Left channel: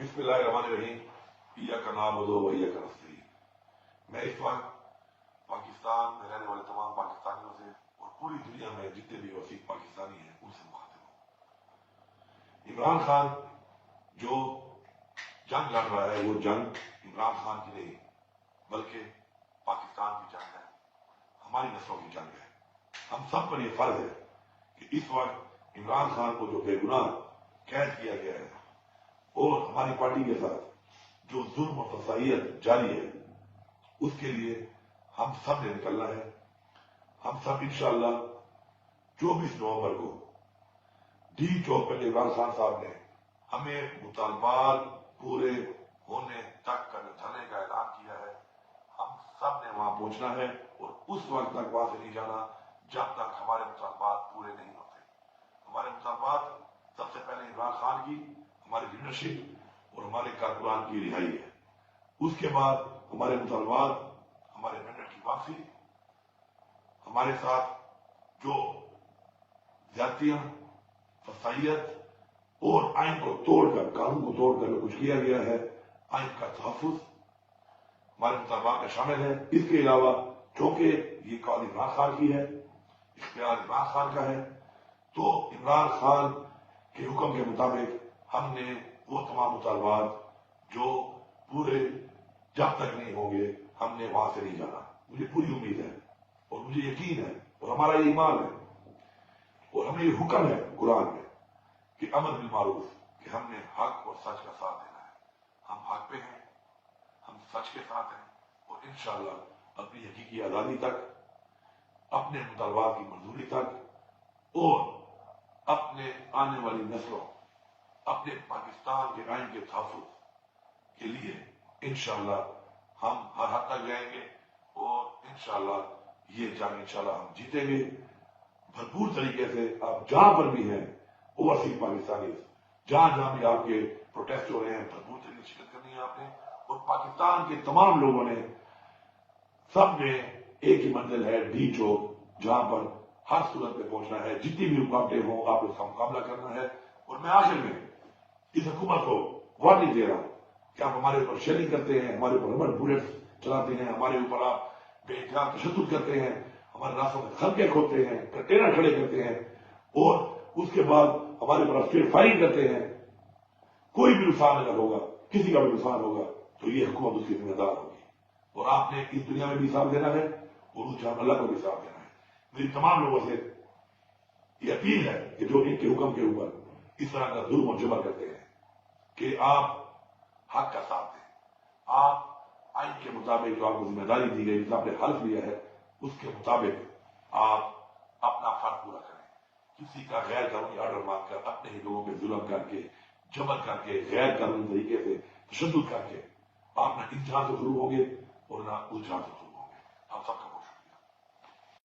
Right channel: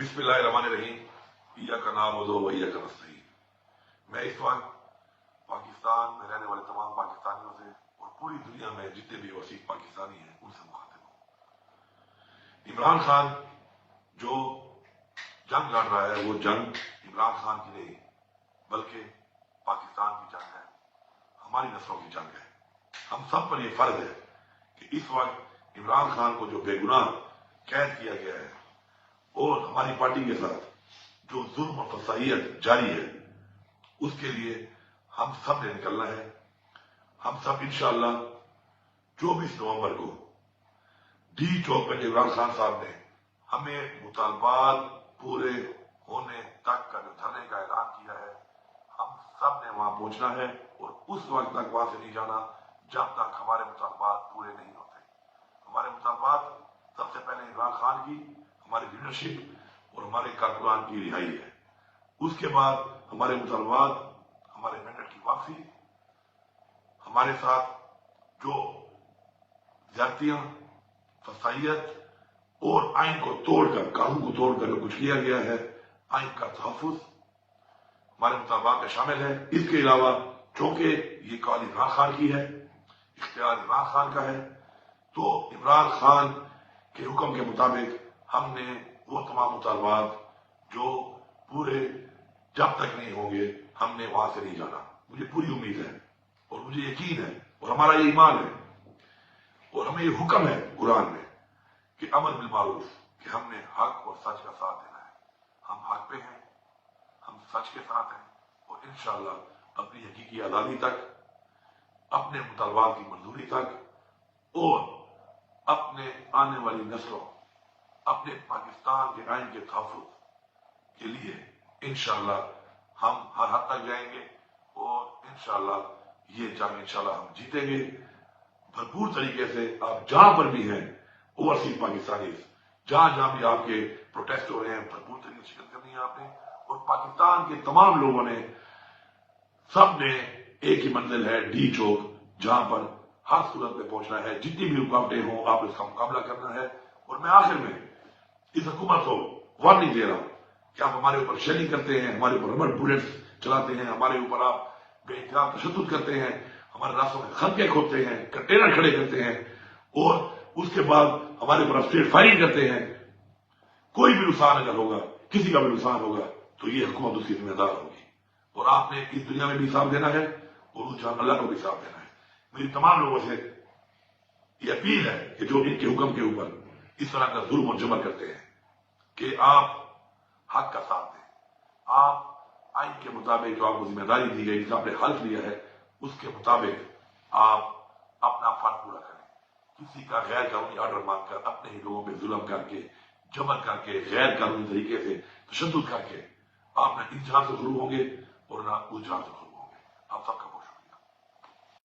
बिस्मिल्लाहिर्रहमानिर्रहीम। इय्याका नअबुदु व इय्याका नस्तईन। मैं इस वक्त पाकिस्तान में रहने वाले तमाम पाकिस्तानियों से और पूरी दुनिया में जितने भी वसीक पाकिस्तानी हैं उनसे मुखातिब हूँ। इमरान खान जो जंग लड़ रहा है वो जंग इमरान खान की नहीं बल्कि पाकिस्तान की जंग है, हमारी नस्लों की जंग है। हम सब पर यह फर्ज है कि इस वक्त इमरान खान को जो बेगुनाह कैद किया गया है और हमारी पार्टी के साथ जो जुल्म और फसाइयत जारी है उसके लिए हम सब ने निकलना है। हम सब इंशाअल्लाह 24 नवंबर को डी चौक पर इमरान खान साहब ने हमें मुतालबात पूरे होने तक का जो धरने का ऐलान किया है, हम सब ने वहां पहुंचना है और उस वक्त तक वहां से नहीं जाना जब तक हमारे मुतालबात पूरे नहीं होते। हमारे मुतालबात सबसे पहले इमरान खान की, हमारी लीडरशिप और हमारे कारकुनान की रिहाई है। उसके बाद हमारे मुतालबात, हमारे मैंडेट की वापसी, हमारे साथ जो ज्यादतियां, फसाइयत और आइन को तोड़कर, कानून को तोड़कर जो कुछ किया गया है, आइन का तहफ्फुज़ हमारे मुतालबात में शामिल है। इसके अलावा चूंकि ये कॉल इमरान खान की है, इख्तियार इमरान खान का है, तो इमरान खान के हुक्म के मुताबिक हमने वो तमाम मुतालबात जो पूरे जब तक नहीं होंगे हमने वहां से नहीं जाना। मुझे पूरी उम्मीद है और मुझे यकीन है और हमारा ये ईमान है और हमें ये हुक्म है कुरान में कि अमर बिल मारूफ, कि हमने हक और सच का साथ देना है। हम हक पे हैं, हम सच के साथ हैं और इंशाअल्लाह अपनी हकीकी आजादी तक, अपने मुतालबात की मंजूरी तक और अपने आने वाली नस्लों, अपने पाकिस्तान के आइन के तहफ्फुज़ के लिए इंशाअल्लाह हम हर हद तक जाएंगे और इंशाअल्लाह ये जंग इंशाअल्लाह हम जीतेंगे भरपूर तरीके से। आप जहां पर भी हैं ओवरसीज पाकिस्तानी, जहां जहां भी आपके प्रोटेस्ट हो रहे हैं, भरपूर तरीके से शिरकत करनी है आपने। और पाकिस्तान के तमाम लोगों ने, सब ने एक ही मंजिल है, डी चौक, जहां पर हर सूरत में पहुंचना है। जितनी भी रुकावटें हों आप उसका मुकाबला करना है। और मैं आखिर में इस हुकूमत को वार्निंग दे रहा हूं कि आप हमारे ऊपर शेलिंग करते हैं, हमारे ऊपर रबड़ बुलेट्स चलाते हैं, हमारे ऊपर आप बेइंतजाम तशद्दुद करते हैं, हमारे रास्तों में खलके खोदते हैं, कंटेनर खड़े करते हैं और उसके बाद हमारे ऊपर स्ट्रेट फायरिंग करते हैं। कोई भी नुकसान अगर होगा, किसी का भी नुकसान होगा तो ये हुकूमत उसकी जिम्मेदार होगी और आपने इस दुनिया में भी हिसाब देना है और उस जहां अल्लाह को भी हिसाब देना है। मेरी तमाम लोगों से ये अपील है कि जो इनके हुक्म के ऊपर इस तरह का जुल्म और जबर करते हैं कि आप हक का साथ दें, आप आइन के मुताबिक जो आपको जिम्मेदारी दी गई, जो आपने हल्फ लिया है, उसके मुताबिक आप अपना फर्ज पूरा करें। किसी का गैर कानूनी ऑर्डर मांगकर, अपने ही लोगों पर जुल्म करके, जबर करके, गैर कानूनी तरीके से तशद्दुद करके आप न इस जहां से शुरू होंगे और न उस जहां से शुरू होंगे। आप सबका